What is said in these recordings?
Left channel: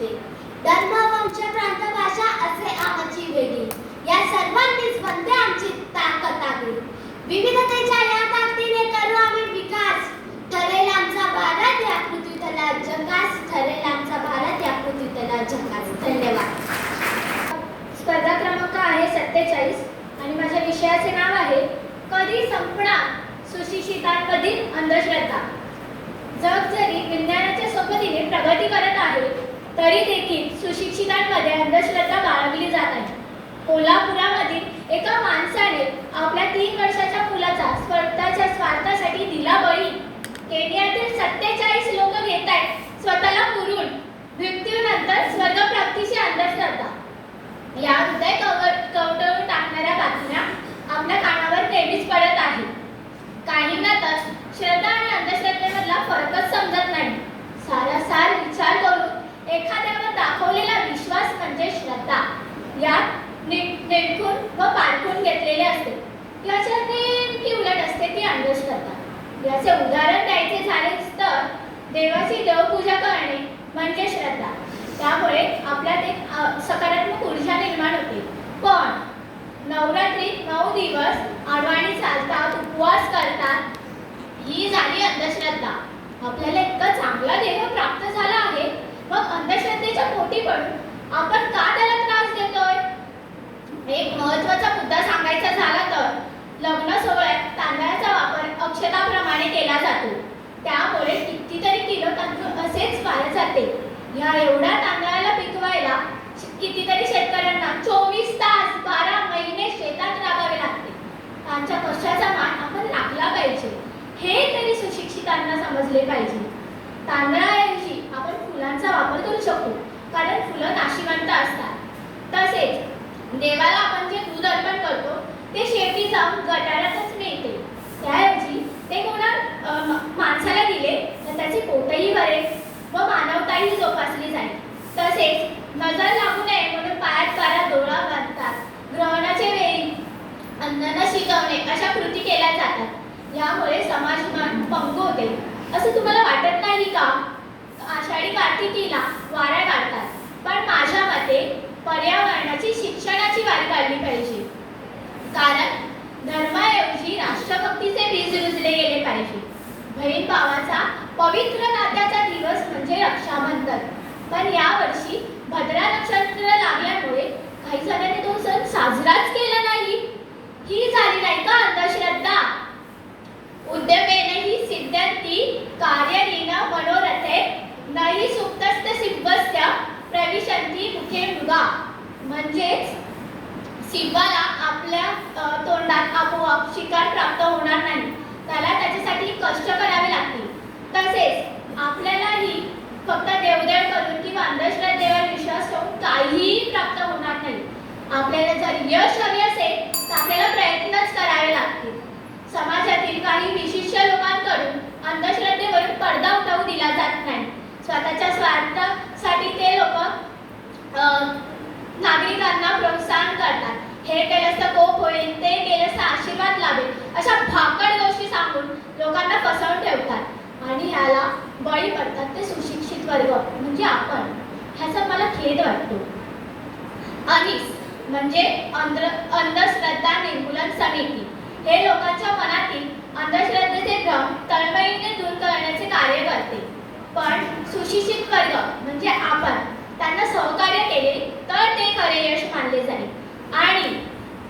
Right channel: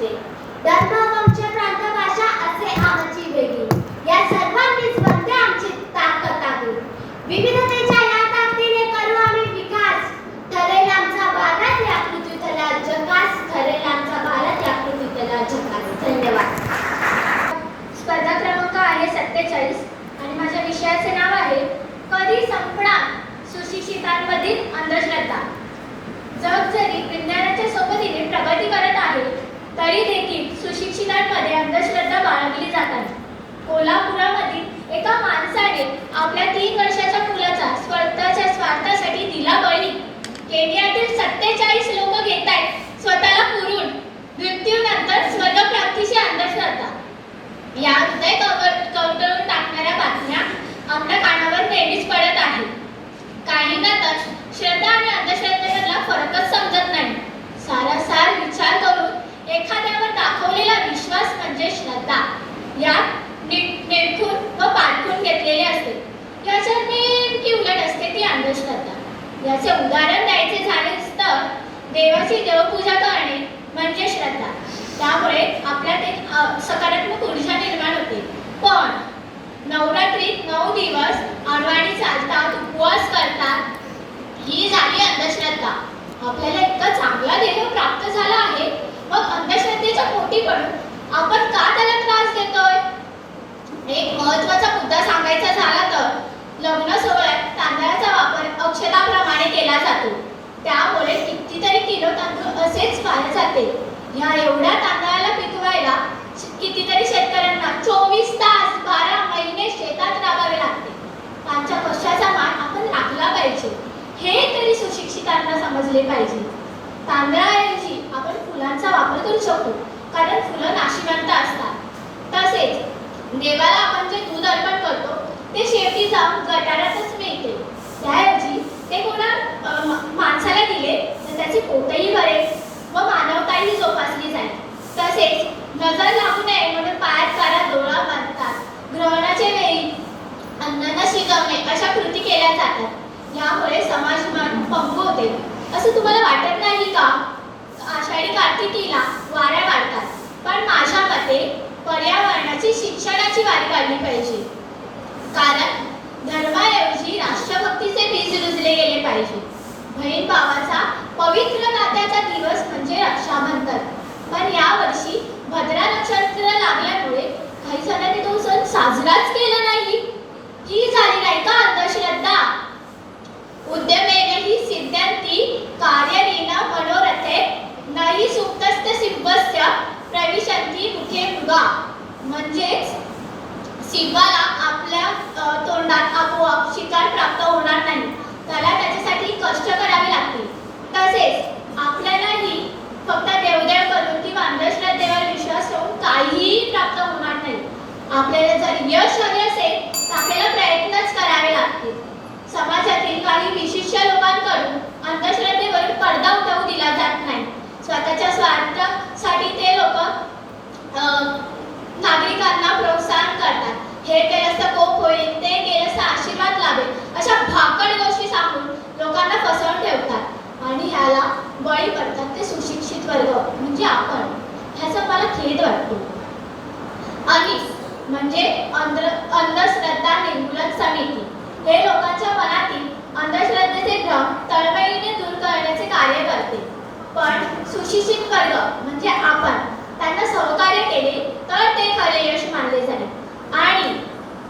सांगू धर्म वंश प्रांत भाषा असे आमची वेगळी. या सर्वांनीच बनते आमची ताकद आहे विविधतेच्या या ताकदीने करू आम्ही विकास. ठरेल आमचा भारत या पृथ्वीतला जगास. ठरेल आमचा भारत या पृथ्वीतला जगास. धन्यवाद. स्पर्धा क्रमांक आहे सत्तेचाळीस. आणि माझ्या विषयाचे नाव आहे कधी संपणार सुशिक्षितांमधील अंधश्रद्धा. जग जरी विज्ञानाच्या सोबतीने प्रगती करत आहे तरी देखील सुशिक्षितांमध्ये अंधश्रद्धा बाळगली जात आहे. कोल्हापुरामधील एका माणसाने आपल्या तीन वर्षाच्या मुलाचा स्वतःच्या स्वार्थासाठी दिला बळी. केनियातील सत्तेचाळीस लोक घेत आहेत स्वतःला पुरून. मृत्यूनंतर स्वर्गप्राप्तीची अंधश्रद्धा. या हृदय कवटळून टाकणाऱ्या बातम्या आपल्या कानावर नेहमीच पडत आहे काहींना तर श्रद्धा आणि अंधश्रद्धेमधला फरकच समजत नाही सारासार विचार करून एखाद्यावर दाखवलेला विश्वास म्हणजे श्रद्धा यात नि- निरखून व पारखून घेतलेले असते. याच्या नेमकी उलट असते ती अंधश्रद्धा. याचे उदाहरण द्यायचे झालेच तर देवाची देवपूजा करणे म्हणजे श्रद्धा. त्यामुळे आपल्यात एक सकारात्मक ऊर्जा निर्माण होते. पण नवरात्रीत नऊ दिवस आडवाणी चालतात उपवास करतात ही झाली अंधश्रद्धा. आपल्याला इतका चांगला देह प्राप्त झाला आहे मग अंधश्रद्धेच्या पोटी पडून आपण का त्याला त्रास देतोय एक शब्द सांगायचा झाला तर लग्न सोहळ्यात तांदळाचा वापर अक्षताप्रमाणे केला जातो. त्यामुळे कितीतरी किलो तांदूळ असेच वाया जाते. या एवढ्या तांदळाला पिकवायला कितीतरी शेतकऱ्यांना चोवीस तास बारा महिने शेतात राबावे लागते. त्यांच्या कष्टाचा मान आपण राखला पाहिजे. हे तरी सुशिक्षितांना समजले पाहिजे. तांदळाऐवजी आपण फुलांचा वापर करू शकतो कारण फुलं नाशिवंत असतात. तसेच देवाला आपण जे नजर लागू नये म्हणून पायात कारा डोळा बांधतात ग्रहणाच्या वेळी अन्न शिकवणे शिजवणे अशा कृती केल्या जातात. यामुळे समाज मन पंगू होते. असं तुम्हाला वाटत नाही का? आषाढी कार्तिकीला वाऱ्या वाढतात पण माझ्या मते पर्यावरणाची शिक्षणाची वारी काढली पाहिजे. कारण धर्माऐवजी राष्ट्रभक्तीचे बीज रुजले गेले पाहिजे. बहीण भावाचा पवित्र नात्याचा दिवस म्हणजे रक्षाबंधन पण यावर्षी भद्रा नक्षत्र लागल्यामुळे काही जणांनी तो सण साजराच केला नाही ही झाली नाही का अंधश्रद्धा उद्यमेने ही सिद्धांती कार्यरीन मनोरथे नाही सुप्तस्थ सिंहस्य प्रविशंती शिवा. म्हणजेच शिवाला आपल्या तोंडात आपोआप शिकार प्राप्त होणार नाही. त्याला त्याच्यासाठी कष्ट करावे लागतील. तसेच आपल्यालाही फक्त देवदेव करून किंवा अंधश्रद्धेवर विश्वास ठेवून काहीही प्राप्त होणार नाही. आपल्याला जर यश हवे असेल तर आपल्याला प्रयत्नच करावे लागतील. समाजातील काही विशिष्ट लोकांकडून अंधश्रद्धेवरून पडदा उठवू दिला जात नाही स्वतःच्या स्वार्थासाठी ते लोक नागरिकांना प्रोत्साहन करतात हे केलंस तर कोप होईल ते केलंस तर आशीर्वाद अशा भाकड गोष्टी सांगून लोकांना फसवून ठेवतात. आणि याला बळी पडतात ते सुशिक्षित वर्ग म्हणजे आपण. ह्याचा मला खेद वाटतो. आणि म्हणजे अंध अंधश्रद्धा निर्मूलन समिती. हे लोकांच्या मनातील अंधश्रद्धेचे भ्रम तळमळीने दूर करण्याचे कार्य करते. पण सुशिक्षित वर्ग म्हणजे आपण त्यांना सहकार्य केले तर ते खरे यश मानले जाईल. आणि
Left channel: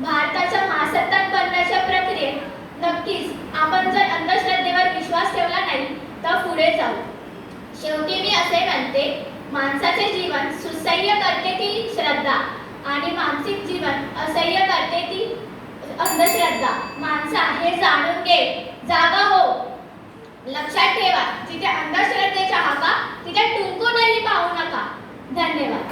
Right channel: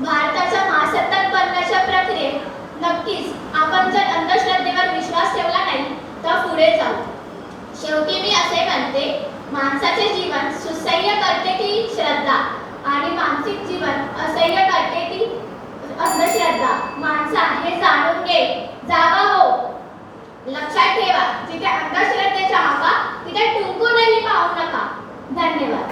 भारत नक्कीच. आपण जर अंधश्रद्धेवर विश्वास ठेवला नाही तर पुढे जाऊ. शेवटी मी असे म्हणते माणसाचे जीवन सुसह्य करते की श्रद्धा आणि मानसिक जीवन असह्य करते की अंधश्रद्धा. माणसा हे जाणून घे. जागा हो. लक्षात ठेवा. जिथे अंधश्रद्धेचा हवा तिथे टुंकूनही पाहू नका. धन्यवाद.